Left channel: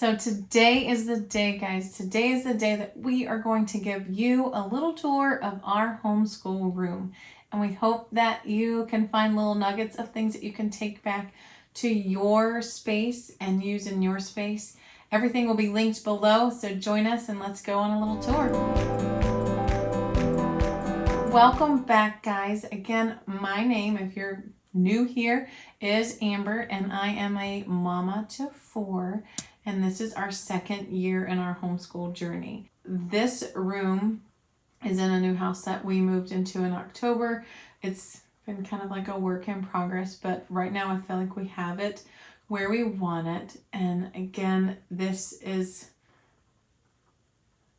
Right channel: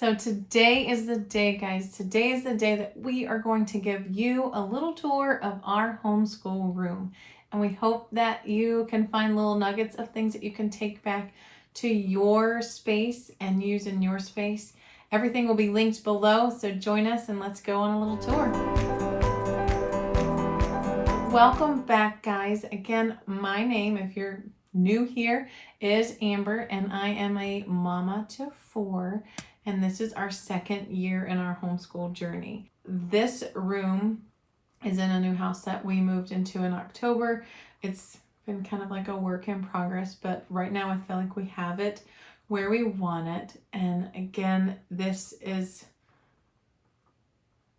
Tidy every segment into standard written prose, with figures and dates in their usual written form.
So today is the day, guys. Today is the day that we are going to give you a little tour of our homeschool room. And we hope that you can find little nuggets of things that you can take back to your space and use in your space. Everything will be linked below, so join us and let's go on a little tour. Welcome back, guys. Again, my name, if you're new here, is Amber, and I am a mama to 4. And this is our second year in our homeschool journey. This room is in a new house that we moved into in October. It's been kind of like a work in progress, but right now I feel like we have it where we want it. And again, this is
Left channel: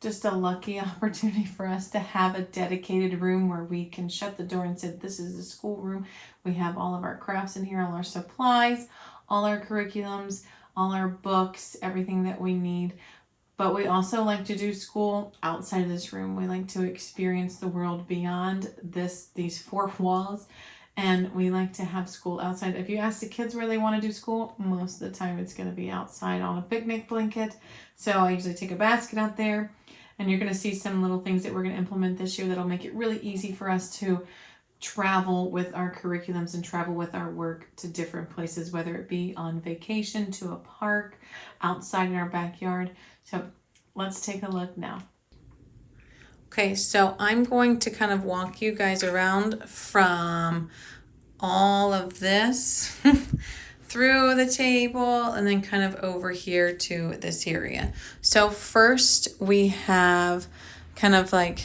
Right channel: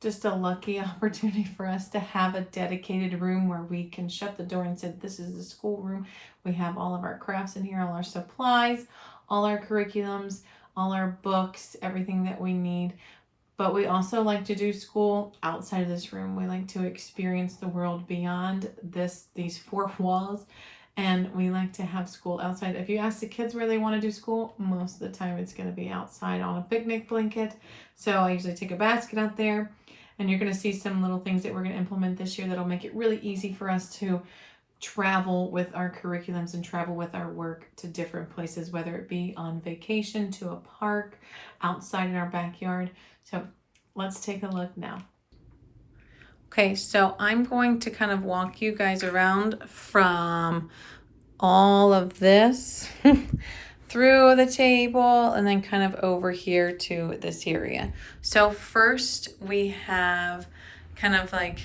just a lucky opportunity for us to have a dedicated room where we can shut the door and say, this is the school room. We have all of our crafts in here, all our supplies, all our curriculums, all our books, everything that we need. But we also like to do school outside of this room. We like to experience the world beyond these 4 walls, and we like to have school outside. If you ask the kids where they want to do school, most of the time it's going to be outside on a picnic blanket. So I usually take a basket out there, and you're going to see some little things that we're going to implement this year that'll make it really easy for us to travel with our curriculums and travel with our work to different places, whether it be on vacation, to a park, outside in our backyard. So let's take a look now. Okay, so I'm going to kind of walk you guys around from all of this through the table and then kind of over here to this area. So first we have kind of like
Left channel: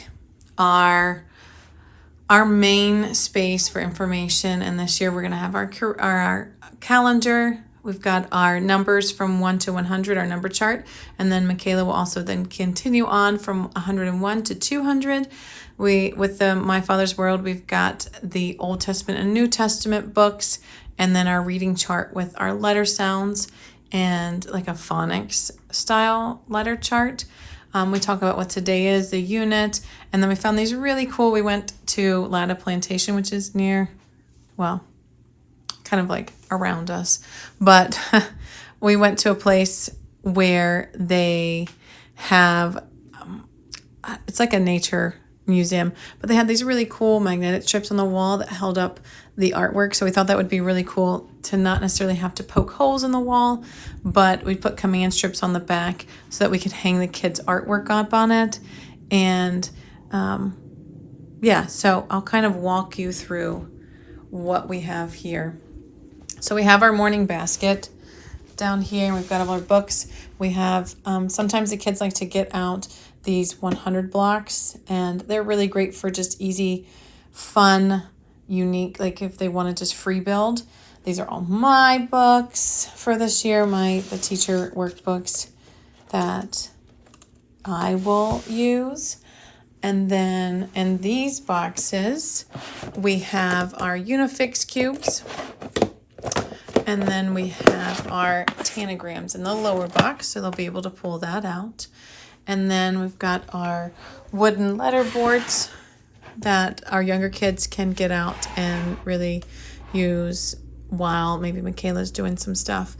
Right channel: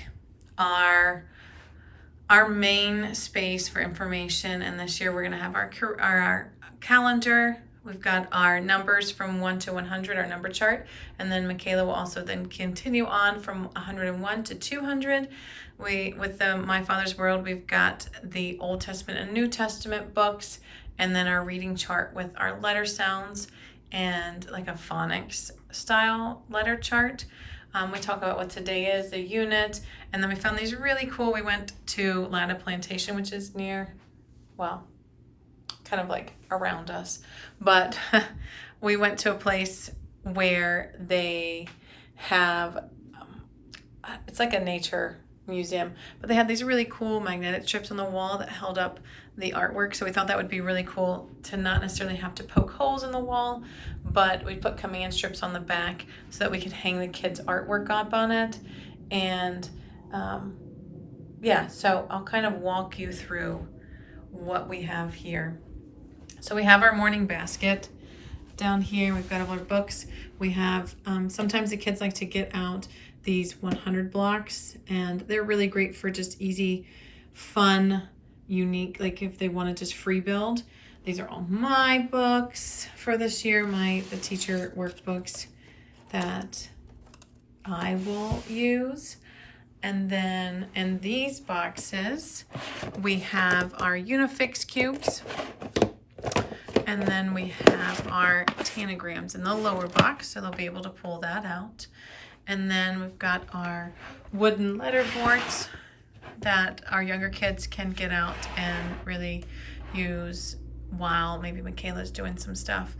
our main space for information, and this year we're going to have our calendar. We've got our numbers from 1 to 100, our number chart, and then Michaela will also then continue on from 101 to 200. With the My Father's World, we've got the Old Testament and New Testament books, and then our reading chart with our letter sounds and like a phonics style letter chart. We talk about what today is, the unit, and then we found these really cool. We went to Latta Plantation, which is near, well, kind of like around us, but we went to a place where they have, it's like a nature museum, but they had these really cool magnetic strips on the wall that held up the artwork. So we thought that would be really cool to not necessarily have to poke holes in the wall, but we put command strips on the back so that we could hang the kids' artwork up on it. And yeah, so I'll kind of walk you through what we have here. So we have our morning basket down here. We've got all our books. We have, sometimes the kids like to get out these 100 blocks, and they're really great for just easy, fun, unique, like if they want to just free build. These are all my books for this year, the teacher workbooks that I will use. And then in these boxes, we have our Unifix cubes, and then we have our tanagrams in the lower box, so they'll be able to pull that out. And then we've got our wooden letter boards that our younger kids can get out and really use while maybe Michaela's doing some stuff.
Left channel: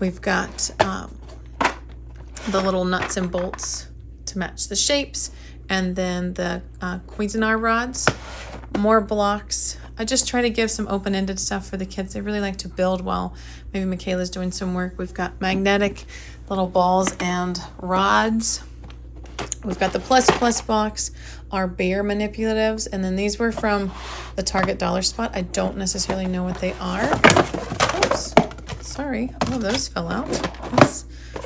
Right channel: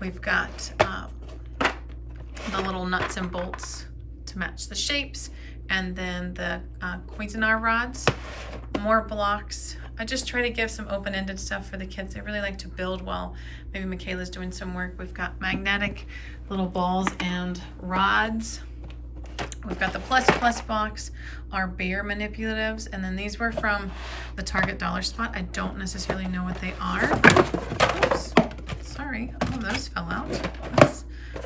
We've got the little nuts and bolts to match the shapes, and then the Cuisinart rods, more blocks. I just try to give some open-ended stuff for the kids. They really like to build while maybe Michaela's doing some work. We've got magnetic little balls and rods. We've got the plus box, our bear manipulatives, and then these were from the Target Dollar Spot. I don't necessarily know what they are. Oops, sorry, all of those fell out. That's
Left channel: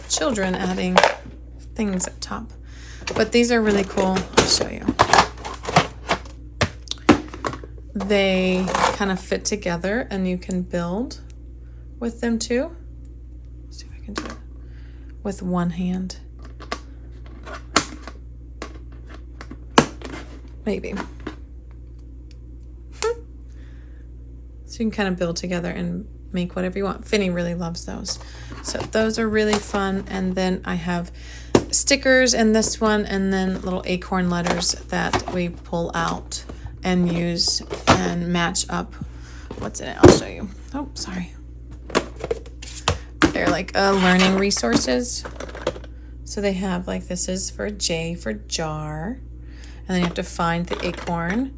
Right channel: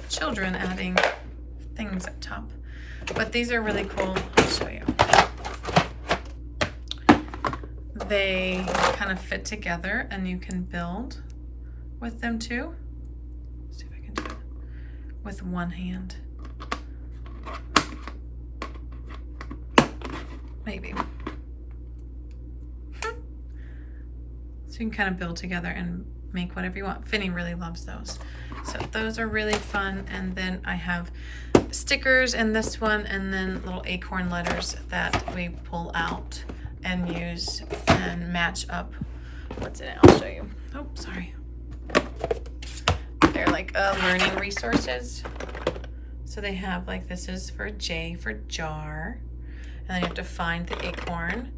children adding things up top. But these are really cool. I'll show you. They kind of fit together, and you can build with them too. Let's see if I can do it with one hand. Maybe. So you can kind of build together and make whatever you want. Finny really loves those. So those are really fun. And then I have stickers in this one, and then little acorn letters that we pull out and use and match up what's in it. I'll show you. Oh, sorry. They're like like learning resources. So they have like, this is for J for jar. And then you have to find the acorn.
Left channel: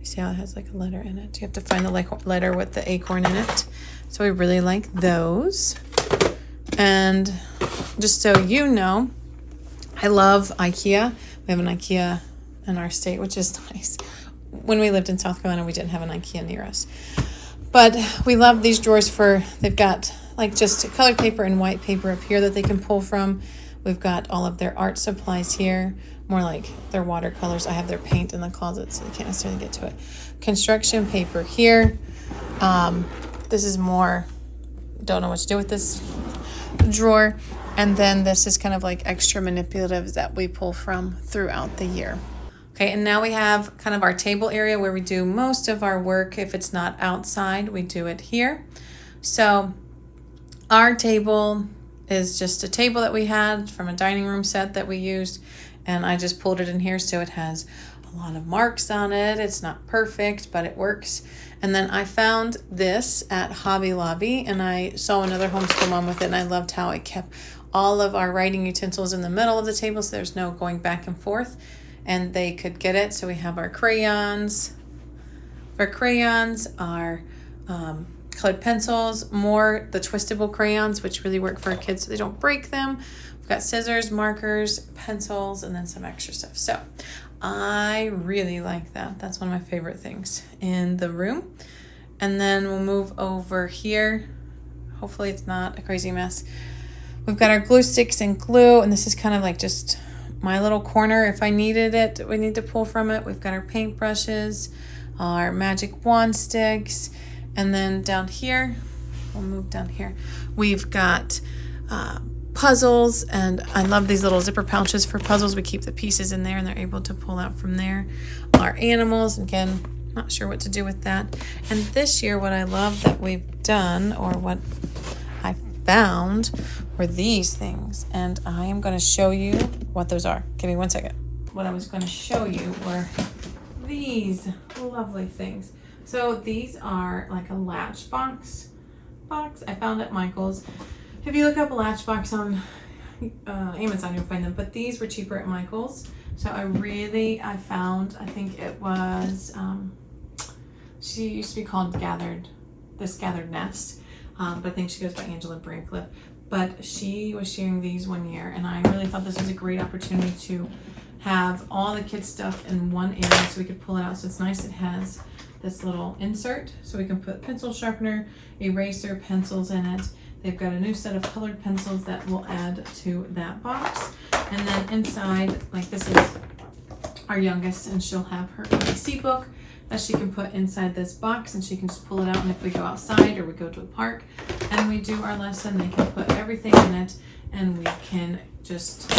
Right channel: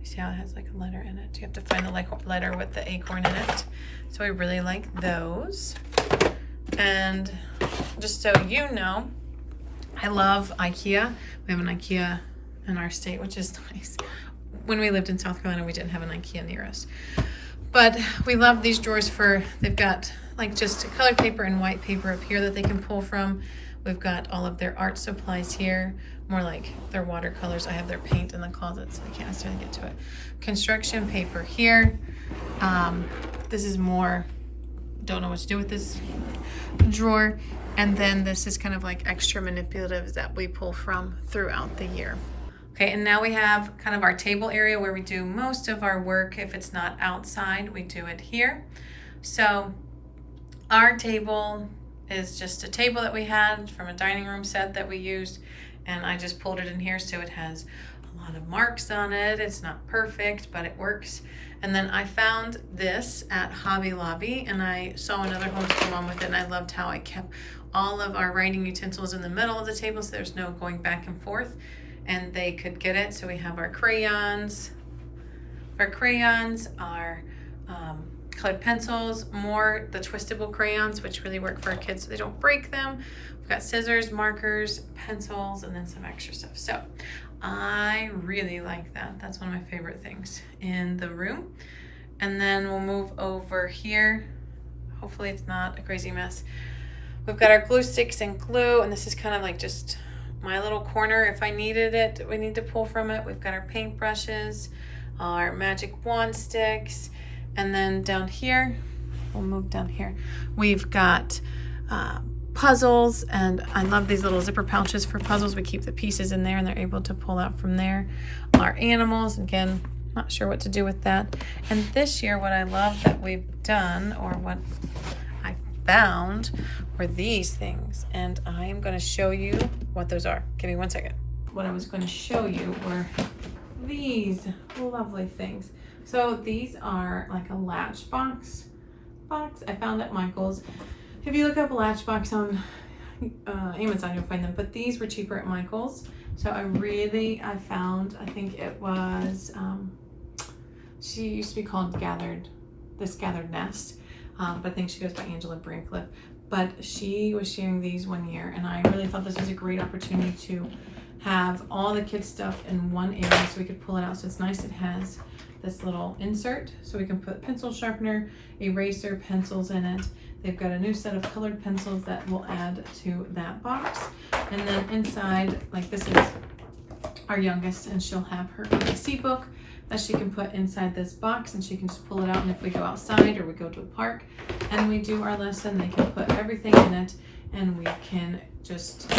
You see how it has like a letter in it? You have to find the like letter with the acorn in it. So we really like those. And just so you know, I love IKEA. We have an IKEA in our state, which is nice. When we lived in South Carolina, we didn't have an IKEA near us. But we love these drawers for, they've got like just colored paper and white paper up here that they can pull from. We've got all of their art supplies here, more like their watercolors. I have their paint in the closet, so they can't necessarily get to it. Construction paper here. This is more, don't know what to do with this drawer. And then this is kind of like extra manipulatives that we pull from throughout the year. Okay, and now we have kind of our table area where we do most of our work. If it's not outside, we do it here. So our table is just a table that we had from a dining room set that we used, and I just pulled it in here so it has a lot of marks on it. It's not perfect, but it works. And then I found this at Hobby Lobby, and I saw another homeschool mom with it, and I loved how I kept all of our writing utensils in the middle of the table so there's no going back and forth, and they could get it. So we have our crayons, our colored pencils, more the twistable crayons, which really work for our kids so they don't break them. We've got scissors, markers, pencils, and then some extra stuff. So I really like that. That's one of my favorite things in the room. And then we'll move over here. Hopefully it's not a crazy mess. We've got our glue sticks and glue, and this is kind of like just my little corner. If I needed it, we need to pull from it. We've got our paint brushes, our magic wand sticks, and then down here, we'll move down here. We've got puzzles, and I love these little zipper pouches for puzzles. We keep the pieces in there and they're able to pull out from there. Our animals, again, not sure what to do with that. And this year, what I love that we've done, or what I found, were these things. And I am going to show you what those are. Give me 1 second. What I was going to show you were these lovely things. So these are like a latch box I found at Michael's. If you look up a latch box on Amazon, you'll find them, but these were cheaper at Michael's. So I found, I think it was, she used to be called Gathered Nest, but I think she goes by Angela Brinkliff. But she was sharing these one year, and I really thought this was a great opportunity to have all the kids' stuff in one area so we could pull it out. So it's nice. It has this little insert so we can put pencil sharpener, eraser, pencils in it. They've got a new set of colored pencils that will add to that box. And then inside, like this is our youngest, and she'll have her ABC book that she can put inside this box, and she can just pull it out. And if we go outside or we go to a park and we do our lesson, they can put everything in it, and we can just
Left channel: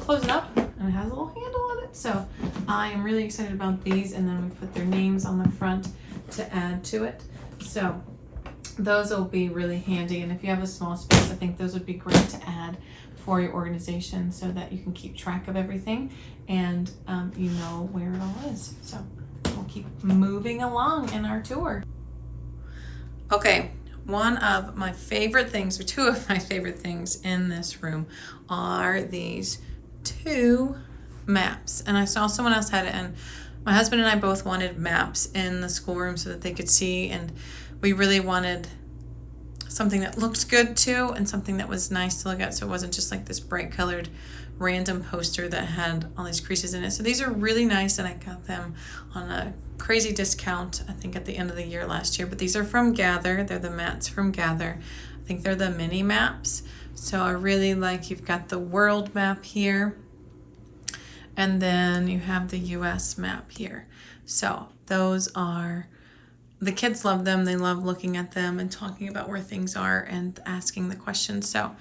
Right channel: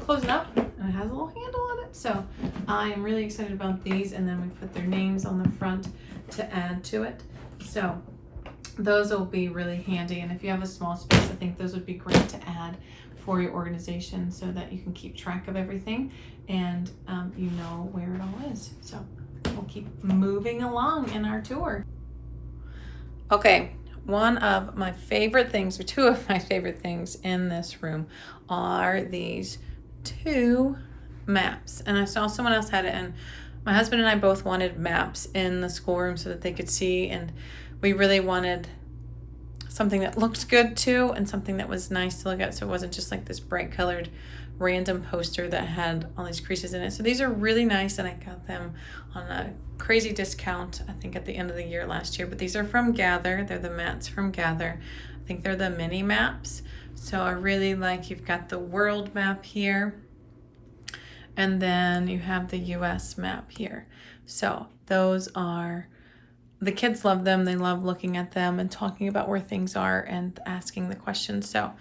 close it up, and it has a little handle on it. So I am really excited about these. And then we put their names on the front to add to it. So those will be really handy. And if you have a small space, I think those would be great to add for your organization so that you can keep track of everything and you know where it all is. So we'll keep moving along in our tour. Okay, one of my favorite things, or two of my favorite things in this room, are these two maps. And I saw someone else had it, and my husband and I both wanted maps in the schoolroom so that they could see, and we really wanted something that looked good too, and something that was nice to look at, so it wasn't just like this bright colored random poster that had all these creases in it. So these are really nice, and I got them on a crazy discount, I think at the end of the year last year. But these are from Gather. They're the mats from Gather. I think they're the mini maps. So I really like, you've got the world map here, and then you have the US map here. So those are, the kids love them. They love looking at them and talking about where things are and asking the questions. So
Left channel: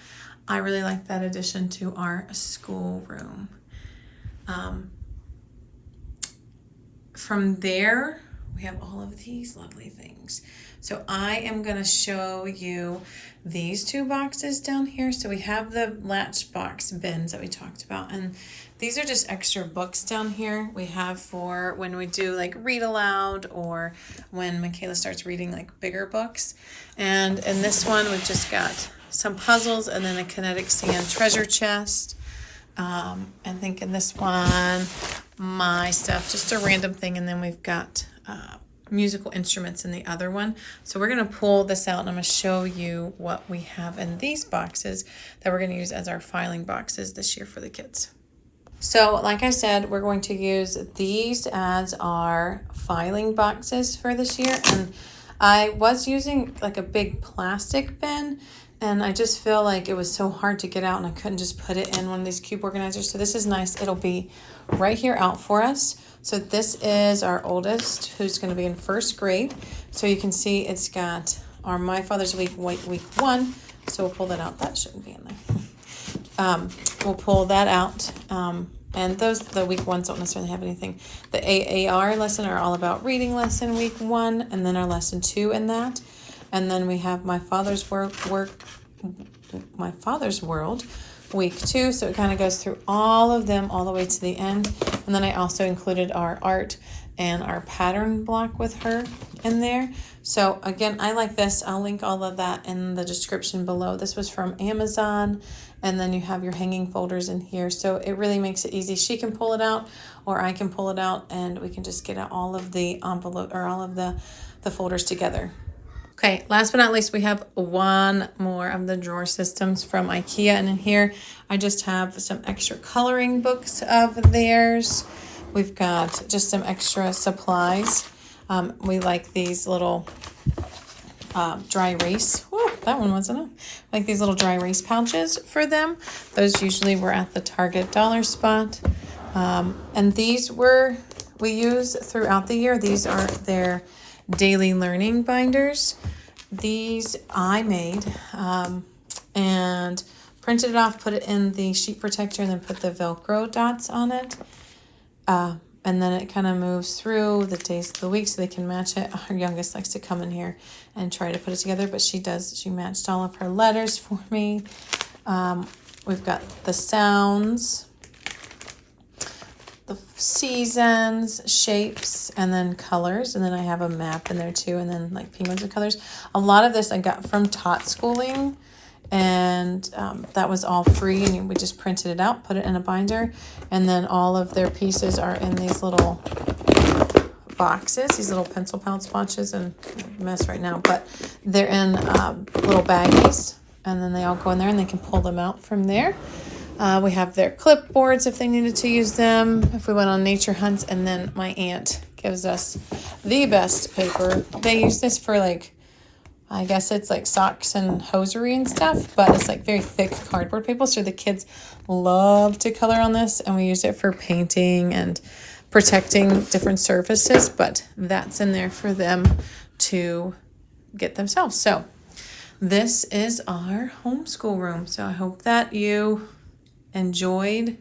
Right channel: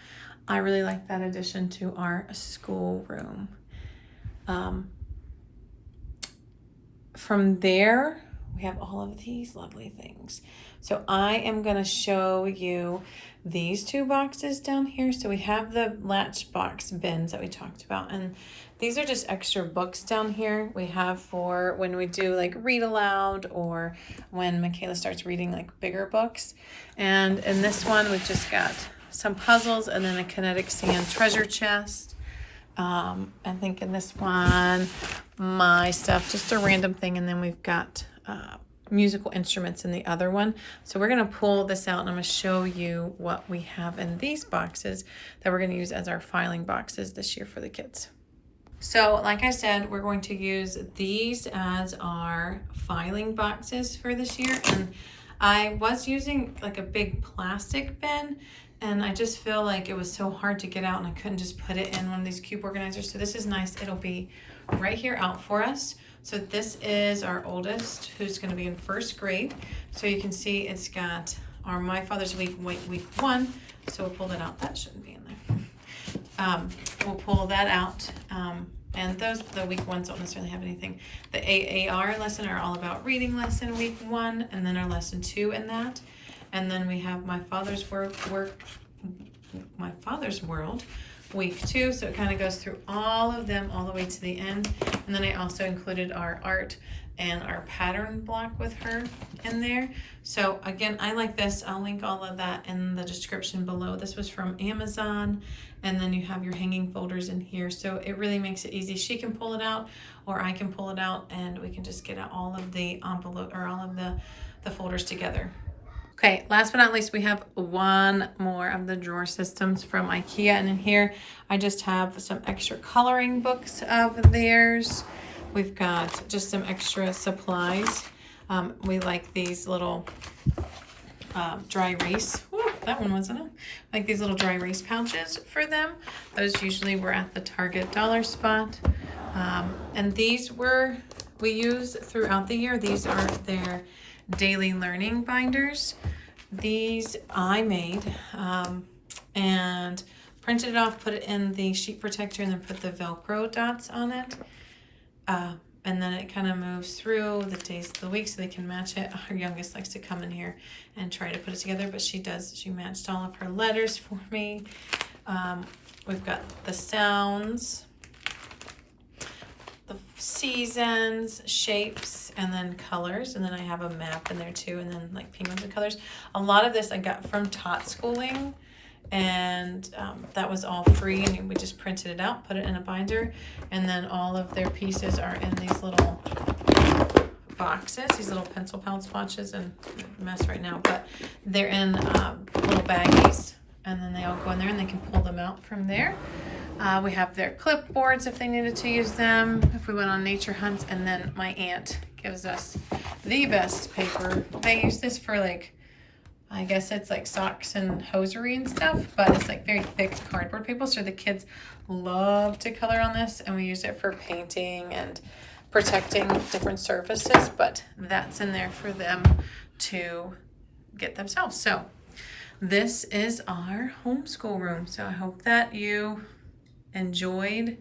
I really like that addition to our schoolroom. From there, we have all of these lovely things. So I am going to show you these two boxes down here. So we have the latch box bins that we talked about, and these are just extra books down here we have for when we do like read aloud, or when Michaela starts reading like bigger books. And in this one, we've just got some puzzles, and then a kinetic sand treasure chest. I think in this one, my stuff, just a random thing. And then we've got musical instruments in the other one. So we're going to pull this out and I'm going to show you what we have in these boxes that we're going to use as our filing boxes this year for the kids. So like I said, we're going to use these as our filing boxes for this year. And I was using like a big plastic bin, and I just feel like it was so hard to get out and I couldn't just put it in one of these cube organizers. So this is nice. It'll be right here out for us. So this is our oldest, who's going to be in first grade. So you can see it's got our My Father's Week 1. So we'll pull that out. That shouldn't be in there. We'll pull that out. And the week ones don't necessarily have anything. The AAR lesson are all about reading lesson week 1, and then our lesson 2 in that. And then we have My Father's World week 2. So it kind of goes through all of them all the way to the end. And then I also included our art and our pattern block with her in there. So again, I like this. I'll link all of that in the description below. This was from Amazon. And then you have your hanging folders in here. So it really makes it easy. She can pull it out, or I can pull it out, and we can just get out all of the envelope or all of the folders together. Okay, last but not least, we have one more of the drawer systems from IKEA. And in here, I just have some extra coloring books of theirs. We've got just some extra supplies. We like these little dry erase. Woo, that one wasn't it? Like these little dry erase pouches for them. Those usually were at the Target dollar spot. And these we use throughout the year. These are their daily learning binders. These I made and printed it off, put it in the sheet protector, and then put the Velcro dots on it. And then it kind of moves through the days of the week so they can match it. Our youngest likes to come in here and try to put it together, but she matched all of her letters for me. We've got the sounds, the seasons, shapes, and then colors. And then I have a map in there too, and then like penguins and colors. A lot of this I got from Tot Schooling. And that was all free, and we just printed it out, put it in a binder, and then all of their pieces are in these little boxes, these little pencil pouch boxes, and mess right now, but they're in little baggies, and then they all go in there and they can pull them out from there. We have their clipboards if they needed to use them, if we went on nature hunts. And then my aunt gives us the best paper. They use this for like, I guess it's like socks and hosiery and stuff, but it's like very thick cardboard paper. So the kids love to color on this, and we use it for painting and protecting different surfaces, but that's in there for them to get themselves. So this is our homeschool room. So I hope that you enjoyed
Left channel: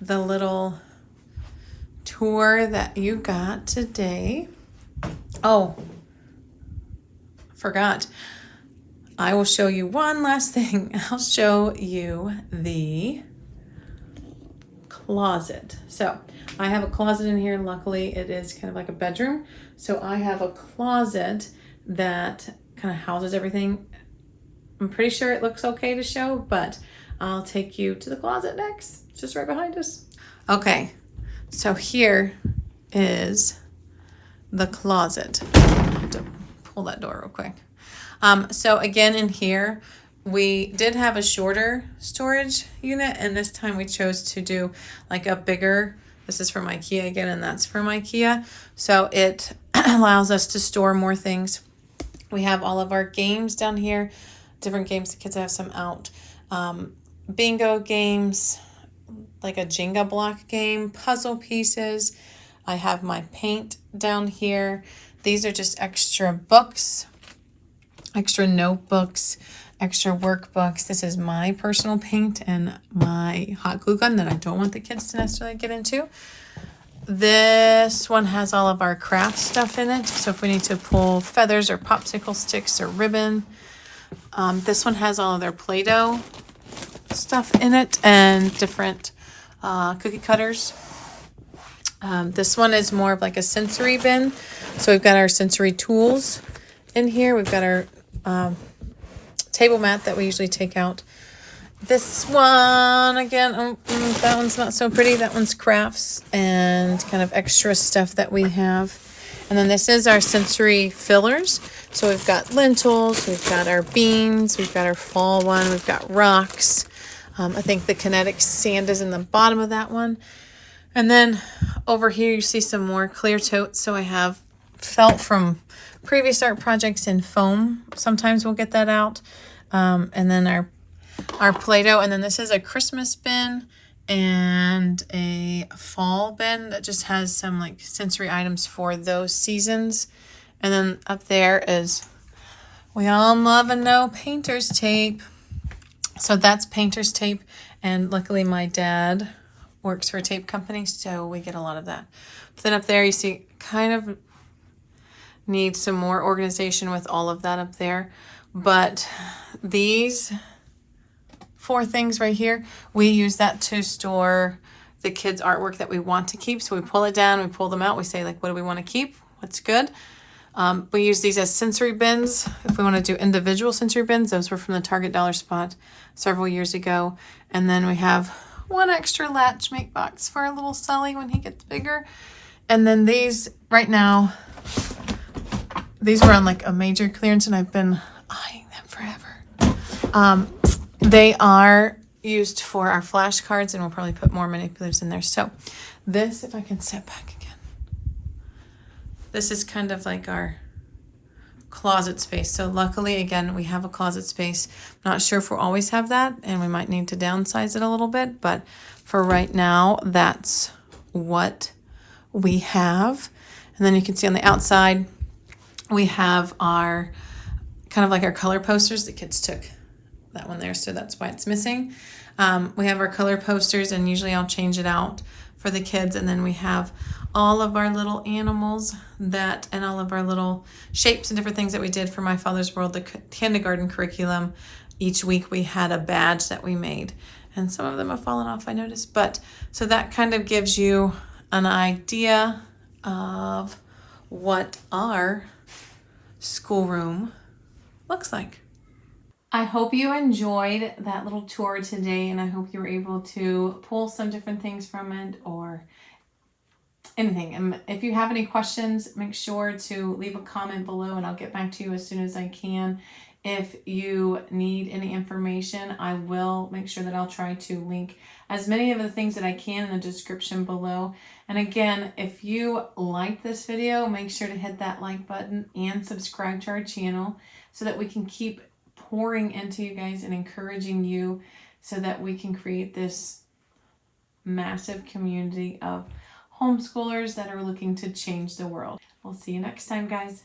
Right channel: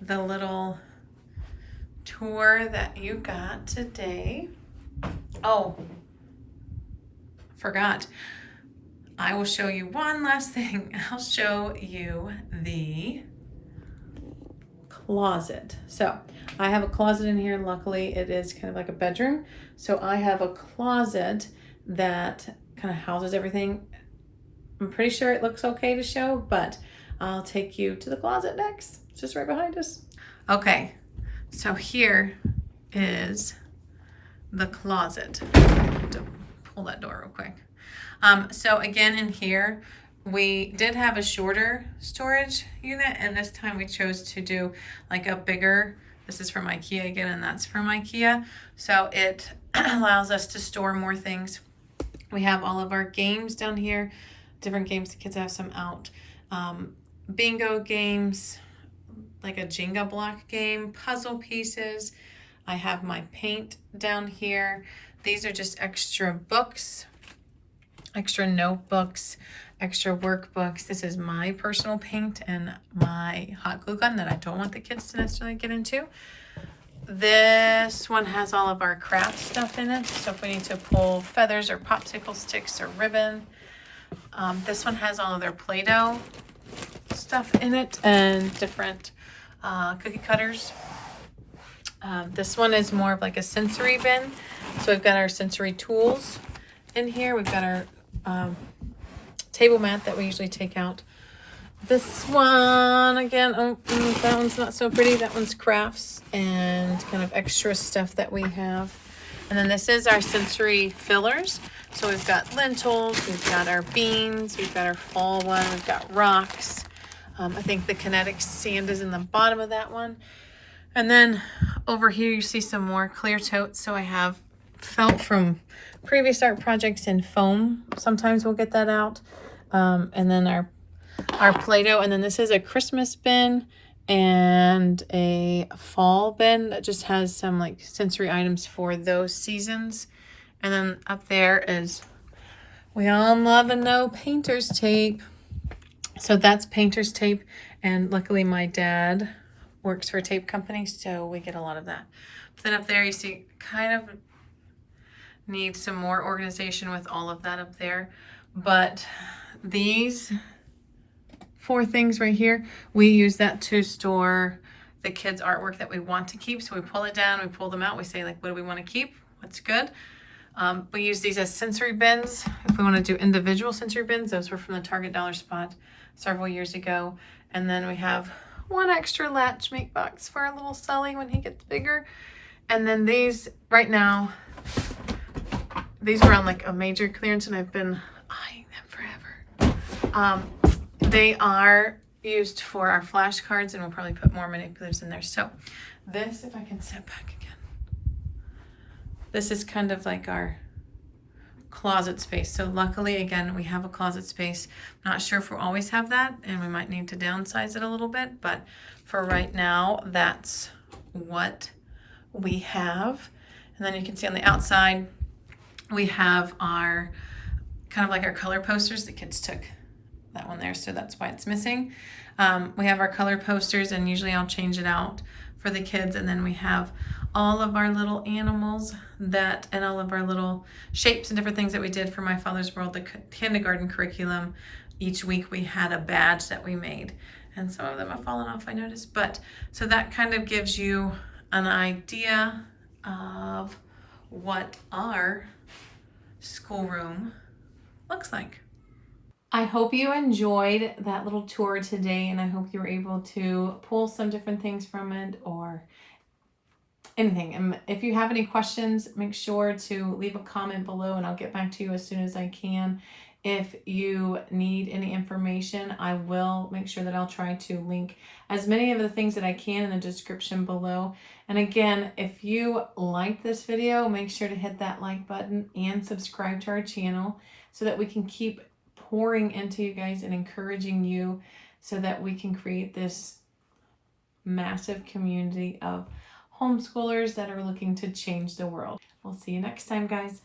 the little tour that you got today. Oh, forgot. I will show you one last thing. I'll show you the closet. So I have a closet in here. Luckily, it is kind of like a bedroom. So I have a closet that kind of houses everything. I'm pretty sure it looks okay to show, but I'll take you to the closet next. It's just right behind us. Okay, so here is the closet. Pull that door real quick. So again, in here, we did have a shorter storage unit, and this time we chose to do like a bigger. This is from IKEA again, and that's from IKEA. So it allows us to store more things. We have all of our games down here, different games. The kids have some out. Bingo games, like a Jenga block game, puzzle pieces. I have my paint down here. These are just extra books, extra notebooks, extra workbooks. This is my personal paint and my hot glue gun that I don't want the kids to necessarily get into. This one has all of our craft stuff in it. So if we need to pull feathers or popsicle sticks or ribbon. This one has all of their Play-Doh stuff in it and different cookie cutters. This one is more of like a sensory bin. So we've got our sensory tools in here. We've got our table mat that we usually take out. This one, again, that one's not so pretty. That one's crafts and kind of extra stuff that we have. And then this is our sensory fillers. So we've got lentils, we've got our beans, we've got our fall one, we've got rocks. I think the kinetic sand is in the bottom of that one. And then over here you see some more clear totes. So I have felt from previous art projects in foam. Sometimes we'll get that out. And then our Play-Doh, and then this is a Christmas bin and a fall bin that just has some like sensory items for those seasons. And then up there is, we all love and know, painter's tape. So that's painter's tape, and luckily my dad works for a tape company, so we get a lot of that. But then up there you see kind of need some more organization with all of that up there. But these 4 things right here, we use that to store the kids' artwork that we want to keep. So we pull it down, we pull them out, we say like, what do we want to keep? What's good? We use these as sensory bins. If we want to do individual sensory bins, those were from the Target Dollar Spot several years ago. And then we have one extra latch make box for our little Sully when he gets bigger. And then these, right now, these were on like a major clearance and I've been eyeing them forever. They are used for our flashcards, and we'll probably put more manipulatives in there. So this, if I can step back again, this is kind of like our closet space. So luckily, again, we have a closet space. Not sure if we'll always have that, and we might need to downsize it a little bit, but for right now, that's what we have. And then you can see on the outside, we have our kind of like our color posters. The kids took that one there, so that's why it's missing. We have our color posters, and usually I'll change it out for the kids. And then we have all of our little animals and all of our little shapes and different things that we did for My Father's World, the kindergarten curriculum. Each week we had a badge that we made, and some of them have fallen off, I noticed. But so that kind of gives you an idea of what our schoolroom looks like. I hope you enjoyed that little tour today, and I hope you were able to pull some different things from it or anything. And if you have any questions, make sure to leave a comment below and I'll get back to you as soon as I can. If you need any information, I will make sure that I'll try to link as many of the things that I can in the description below. And again, if you liked this video, make sure to hit that like button and subscribe to our channel so that we can keep pouring into you guys and encouraging you so that we can create this massive community of homeschoolers that are looking to change the world. We'll see you next time, guys.